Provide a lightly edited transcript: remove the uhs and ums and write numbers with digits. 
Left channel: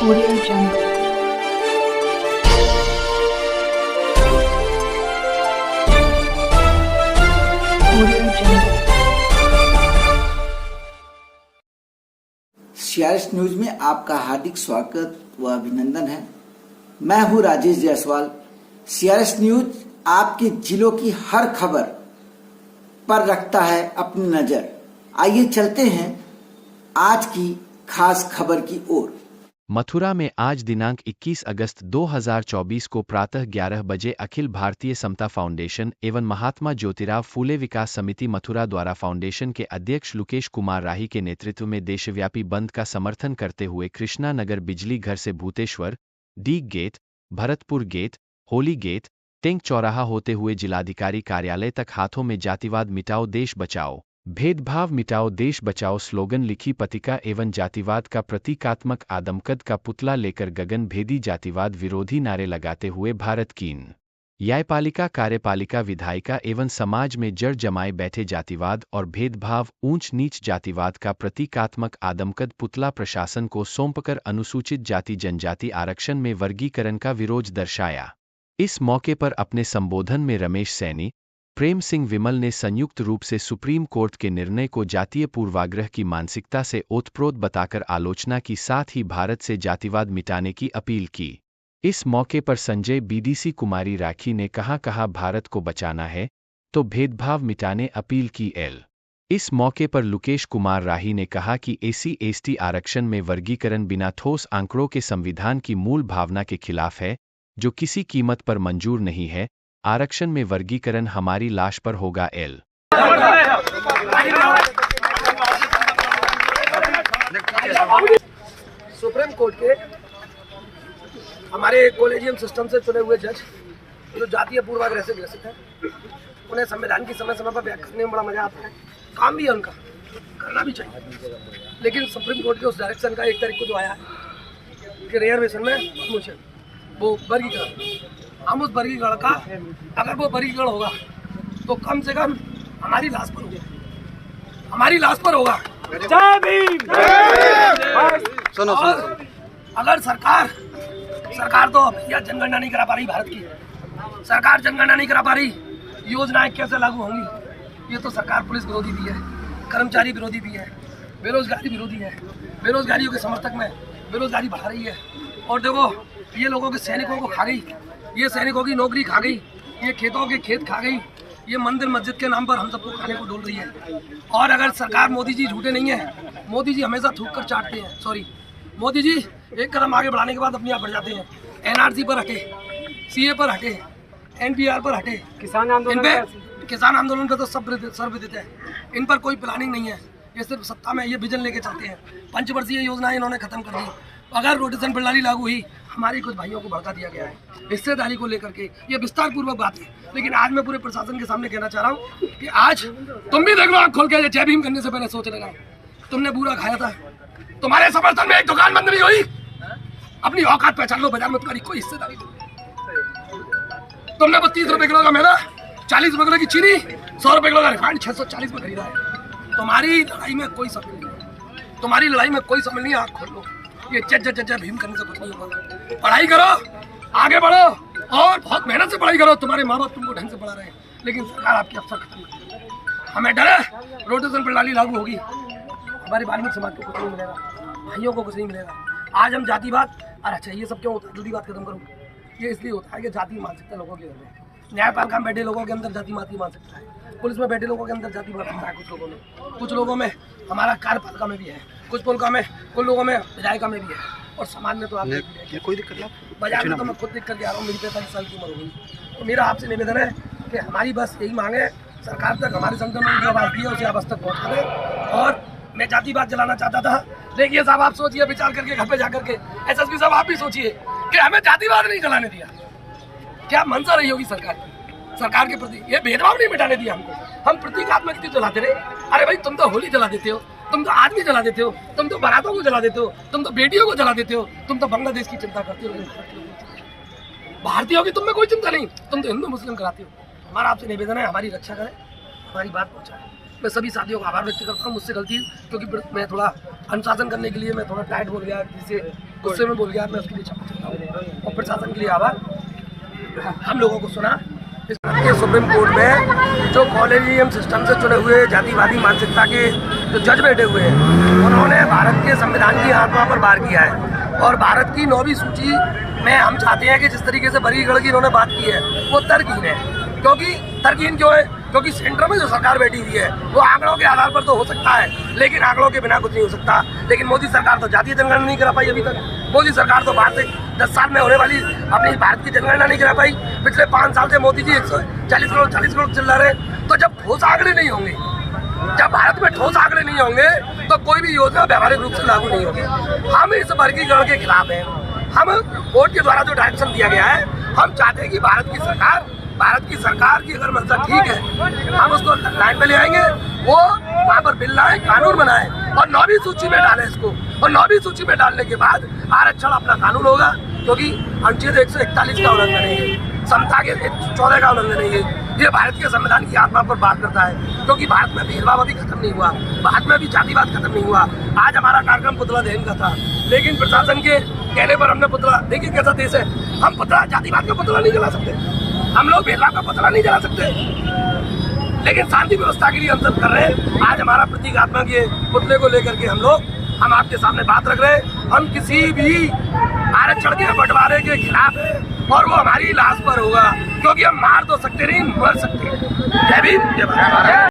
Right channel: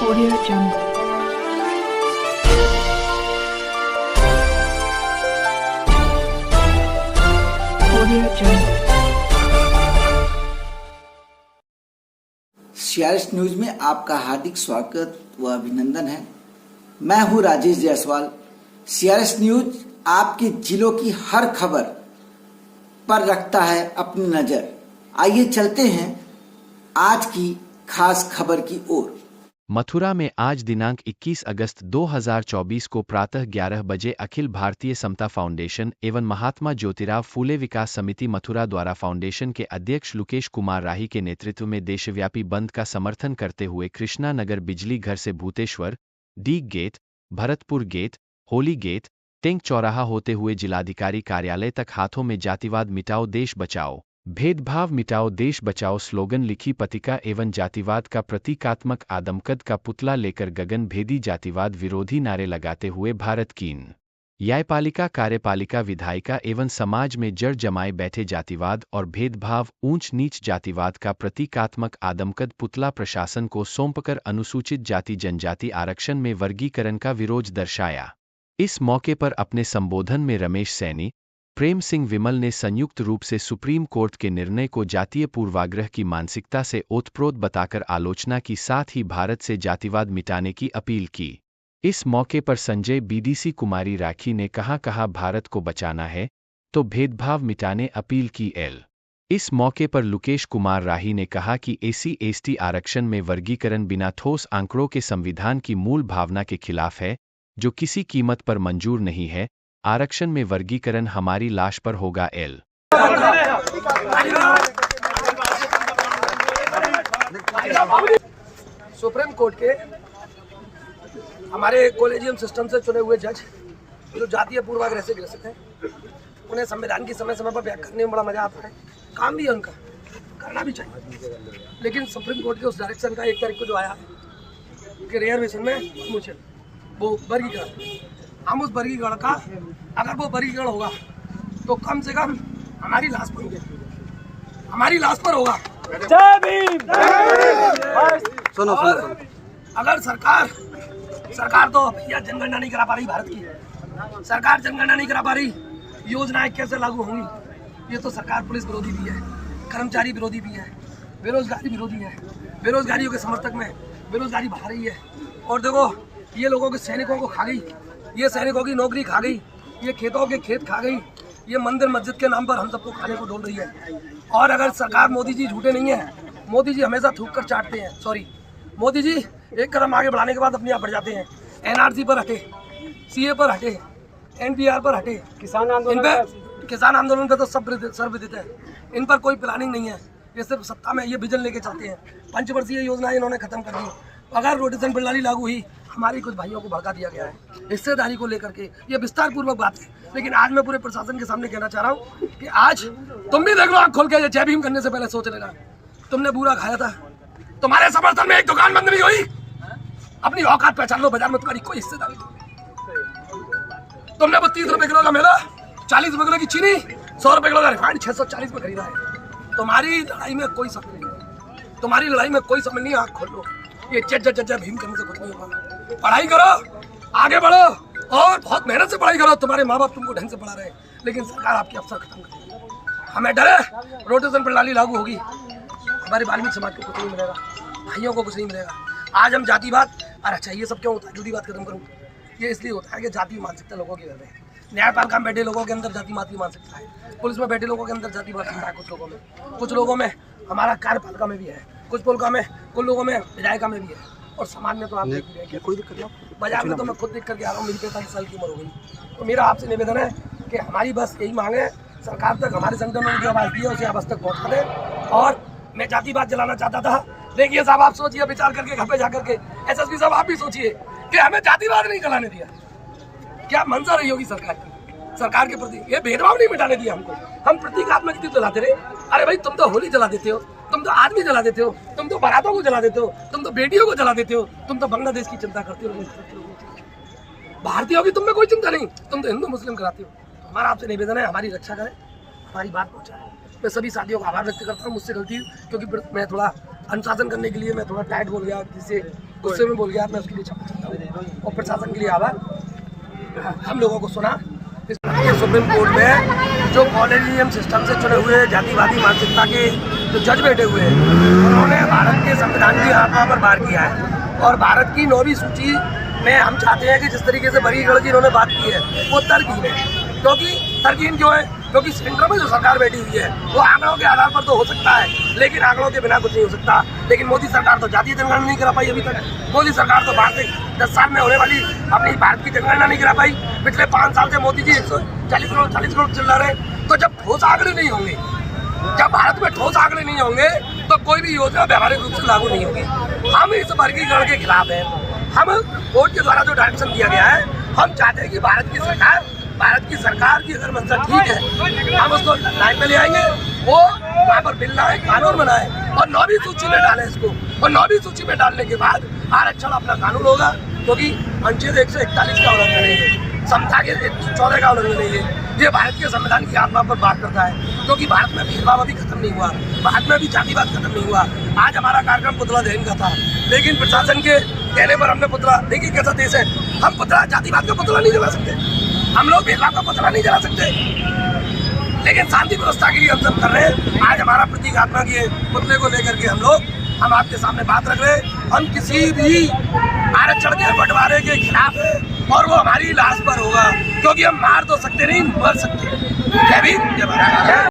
Audio Jungle. Audio Jungle. CRS news में आपका हार्दिक स्वागत व अभिनंदन है। मैं हूं राजेश जायसवाल। सीआरएस न्यूज आपके जिलों की हर खबर पर रखता है अपनी नजर। आइए चलते हैं आज की खास खबर की ओर। मथुरा में आज दिनांक 21 अगस्त 2024 को प्रातः 11 बजे अखिल भारतीय समता फाउंडेशन एवं महात्मा ज्योतिराव फूले विकास समिति मथुरा द्वारा फाउंडेशन के अध्यक्ष लुकेश कुमार राही के नेतृत्व में देशव्यापी बंद का समर्थन करते हुए कृष्णा नगर बिजली घर से Bhuteshwar, Deeg gate, Bharatpur gate, Holi gate, tank चौराहा होते हुए जिलाधिकारी कार्यालय तक हाथों में जातिवाद मिटाओ देश बचाओ, भेदभाव मिटाओ देश बचाओ स्लोगन लिखी पतिका एवं जातिवाद का प्रतीकात्मक आदमकद का पुतला लेकर गगन भेदी जातिवाद विरोधी नारे लगाते हुए भारत की न्यायपालिका, कार्यपालिका, विधायिका एवं समाज में जड़ जमाए बैठे जातिवाद और भेदभाव, ऊंच नीच जातिवाद का प्रतीकात्मक आदमकद पुतला प्रशासन को सौंपकर अनुसूचित जाति जनजाति आरक्षण में वर्गीकरण का विरोध दर्शाया। इस मौके पर अपने संबोधन में रमेश सैनी, प्रेम सिंह विमल ने संयुक्त रूप से सुप्रीम कोर्ट के निर्णय को जातीय पूर्वाग्रह की मानसिकता से ओतप्रोत बताकर आलोचना की, साथ ही भारत से जातिवाद मिटाने की अपील की। इस मौके पर संजय बीडीसी कुमारी राखी ने कहा भारत को बचाना है तो भेदभाव मिटाने अपील की। इस मौके पर लुकेश कुमार राही ने कहा कि एसी/एसटी आरक्षण में वर्गीकरण बिना ठोस आंकड़ों के संविधान की मूल भावना के खिलाफ है, जो किसी कीमत पर मंजूर नहीं है। आरक्षण में वर्गीकरण हमारी लाश पर होगा। सुप्रीम कोर्ट के हमारे कॉलेजियम सिस्टम से चुने हुए जज जो जातीय पूर्वाग्रह से ग्रसित हैं, उन्हें संविधान की समय समय पर व्याख्या करने में बड़ा मजा आता है। काम भी है उनका, करना भी चाहिए। लेकिन सुप्रीम कोर्ट के उस डायरेक्शन का 1 तारीख को जो आया है कि रिजर्वेशन में मुझे वो वर्गीकरण, हम उस वर्गीकरण का अगर वो वर्गीकरण होगा तो कम से कम हमारी लाश पर होगा, हमारी लाश पर होगा। जय भीम। सुनो। अगर सरकार तो भैया जनगणना नहीं करा पा रही, भारत की सरकार जनगणना नहीं करा पा रही, योजनाएं कैसे लागू होंगी? ये तो सरकार पुलिस विरोधी भी है, कर्मचारी विरोधी भी है, बेरोजगारी विरोधी है, बेरोजगारियों के समर्थक में बेरोजगारी बढ़ा रही है। और देखो ये लोगों के सैनिकों को खा गई, ये सैनिकों की नौकरी खा गई, ये खेतों के खेत खा गई, ये मंदिर मस्जिद के नाम पर हम सबको खाने को डोल रही है। और अगर सरकार, मोदी जी झूठे नहीं है, मोदी जी हमेशा थूक कर चाटते हैं। सॉरी, मोदी जी एक कदम आगे बढ़ाने के बाद अपने आप बढ़ जाते हैं। एनआरसी पर हटे, सीए पर हटे, एनपीआर पर हटे, किसान आंदोलन पे तो सब सर्वविदित है। इन पर कोई प्लानिंग नहीं है, ये सिर्फ सत्ता में ये विजन लेके चलते हैं। पंचवर्षीय योजनाएं इन्होंने खत्म कर दी। अगर रोटेशन प्रणाली लागू हुई, हमारी कुछ भाइयों को भड़का दिया गया है हिस्सेदारी को लेकर के, ये विस्तार पूर्वक बात है। लेकिन आज मैं पूरे प्रशासन के सामने कहना चाह रहा हूँ कि आज तुम भी देख लो, आँख खोल के, जय भीम करने से पहले सोच लेना। तुमने बुरा खाया था, तुम्हारे समर्थन में एक दुकान बंद नहीं हुई। अपनी औकात पहचान लो, बाजार में तुम्हारी कोई हिस्सेदारी नहीं। तुमने 32 रुपए किलो का मैदा, 40 रुपए किलो की चीनी, 100 रुपए किलो का रिफाइंड 640 में खरीदा है। तुम्हारी लड़ाई में कोई शामिल नहीं है, तुम्हारी लड़ाई में कोई शामिल नहीं है। आँख खोल लो, ये जय भीम करने से कुछ नहीं होगा। पढ़ाई करो, आगे बढ़ो और बहुत मेहनत से पढ़ाई करो। तुम्हारे माँ बाप तुमको ढंग से पढ़ा रहे हैं, लेकिन सरकार आपके अवसर खत्म कर रही है। हमें डर है, रोटेशन प्रणाली लागू होगी, हमारे वाल्मीकि समाज को कुछ नहीं मिलेगा, भाइयों को कुछ नहीं मिलेगा। आज हम जातिवाद, अरे अच्छा ये सब क्यों होता है? जल्दी बात खत्म करूँ। ये इसलिए होता है कि जाति मानसिकता लोगों के घर में, न्यायपालिका में बैठे लोगों के अंदर जाति मानसिकता है, पुलिस में बैठे लोगों के अंदर जाति मानसिकता है। कुछ लोगों में हमारा कार्यपालिका में भी है, कुछ लोगों में विधायिका में भी है, और समाज में तो आप कोई दिक्कत नहीं। बाजार में तो मैं खुद दिख करके आ रहा हूँ, मेरी 45 साल की उम्र हो गई। तो मेरा आपसे निवेदन है कि हमारी बस यही मांग है, सरकार तक हमारे संगठन ने जो आवाज़ दी है उसे आवाज़ तक पहुँचा दें। और मैं जातिवाद जलाना चाहता था, देखिए साहब आप सोचिए, विचार करके घर पे जाकर के, एसएसपी साहब आप भी सोचिए कि हमें जातिवाद नहीं जलाने दिया। क्या मंशा रही होगी सरकार के प्रति? ये भेदभाव नहीं मिटाने दिया हमको। हम प्रतीकात्मक चीज जलाते रहे। अरे भाई तुम तो होली जला देते हो, तुम तो आदमी जला देते हो, तुम तो बारातों को जला देते हो, तुम तो बेटियों को जला देते हो, तुम तो बांग्लादेश की चिंता करते हो, भारतीयों की तुम में कोई चिंता नहीं, तुम तो हिंदू मुस्लिम कराते हो। हमारा आपसे निवेदन है, हमारी रक्षा करें, हमारी बात पहुँचाएं। मैं सभी साथियों का आभार व्यक्त करता हूँ, मुझसे गलती क्योंकि मैं थोड़ा अनुशासन करने के लिए मैं थोड़ा टाइट बोल गया, जिसे गुस्से में बोल गया, मैं उसके लिए क्षमा चाहता हूँ और प्रशासन के लिए आभार। हम लोगों को सुना सुप्रीम कोर्ट में जो कॉलेजियम सिस्टम से चुने हुए जातिवादी मानसिकता के जो जज बैठे हुए हैं, उन्होंने भारत के संविधान की आत्मा पर वार किया है और भारत की 9वीं सूची में हम चाहते हैं कि जिस तरीके से वर्गीकरण की इन्होंने बात की है वो तर्कहीन है। क्योंकि तर्कहीन क्यों है? क्योंकि सेंटर में जो सरकार बैठी हुई है वो आंकड़ों के आधार पर तो हो सकता है, लेकिन आंकड़ों के बिना कुछ नहीं हो सकता। लेकिन मोदी सरकार तो जातीय जनगणना नहीं करा पाई अभी तक। मोदी सरकार तो भारत 10 साल में होने वाली अपनी भारत की जनगणना नहीं करा पाई। पिछले 5 साल से मोदी जी 140 करोड़ चिल्ला रहे। तो जब ठोस आंकड़े नहीं होंगे, जब भारत में ठोस आंकड़े नहीं होंगे तो कोई भी योजना व्यावहारिक रूप से लागू नहीं होगी। हम इस वर्गीकरण के खिलाफ हैं। हम कोर्ट के द्वारा जो डायरेक्शन दिया गया है, हम चाहते हैं कि भारत की सरकार की अगर मंशा ठीक है, हम उसको लाइन में ले आएंगे, वो वहाँ पर बिल लाए, कानून बनाए और 9वीं सूची में डालें इसको। और 9वीं सूची में डालने के बाद आरक्षण अपना कानून होगा, क्योंकि अनुच्छेद 141 का उल्लंघन नहीं है, समता के 14 का उल्लंघन नहीं है। ये भारत के संविधान की आत्मा पर बात करता है, क्योंकि भारत में भेदभाव अभी खत्म नहीं हुआ, भारत में अभी जातिवाद खत्म नहीं हुआ। आज हमारा कार्यक्रम पुतला दहन का था, लेकिन प्रशासन के कहने पर हमने पुतला, देखिए कैसा देश है, हम पुतला जातिवाद का पुतला नहीं जला सकते, हम लोग भेदभाव का पुतला नहीं जला सकते, लेकिन शांति व्यवस्था के लिए हम सब कर रहे हैं। आज हमारा प्रतीकात्मक ये पुतले को लेकर के हम आपके सामने बात रख रहे हैं। हम किसी भी आरक्षण के बंटवारे के खिलाफ है और वो हमारी लाश पर होगा, क्योंकि हम मार तो सकते नहीं, मर सकते हैं। जय भीम, जय भारत।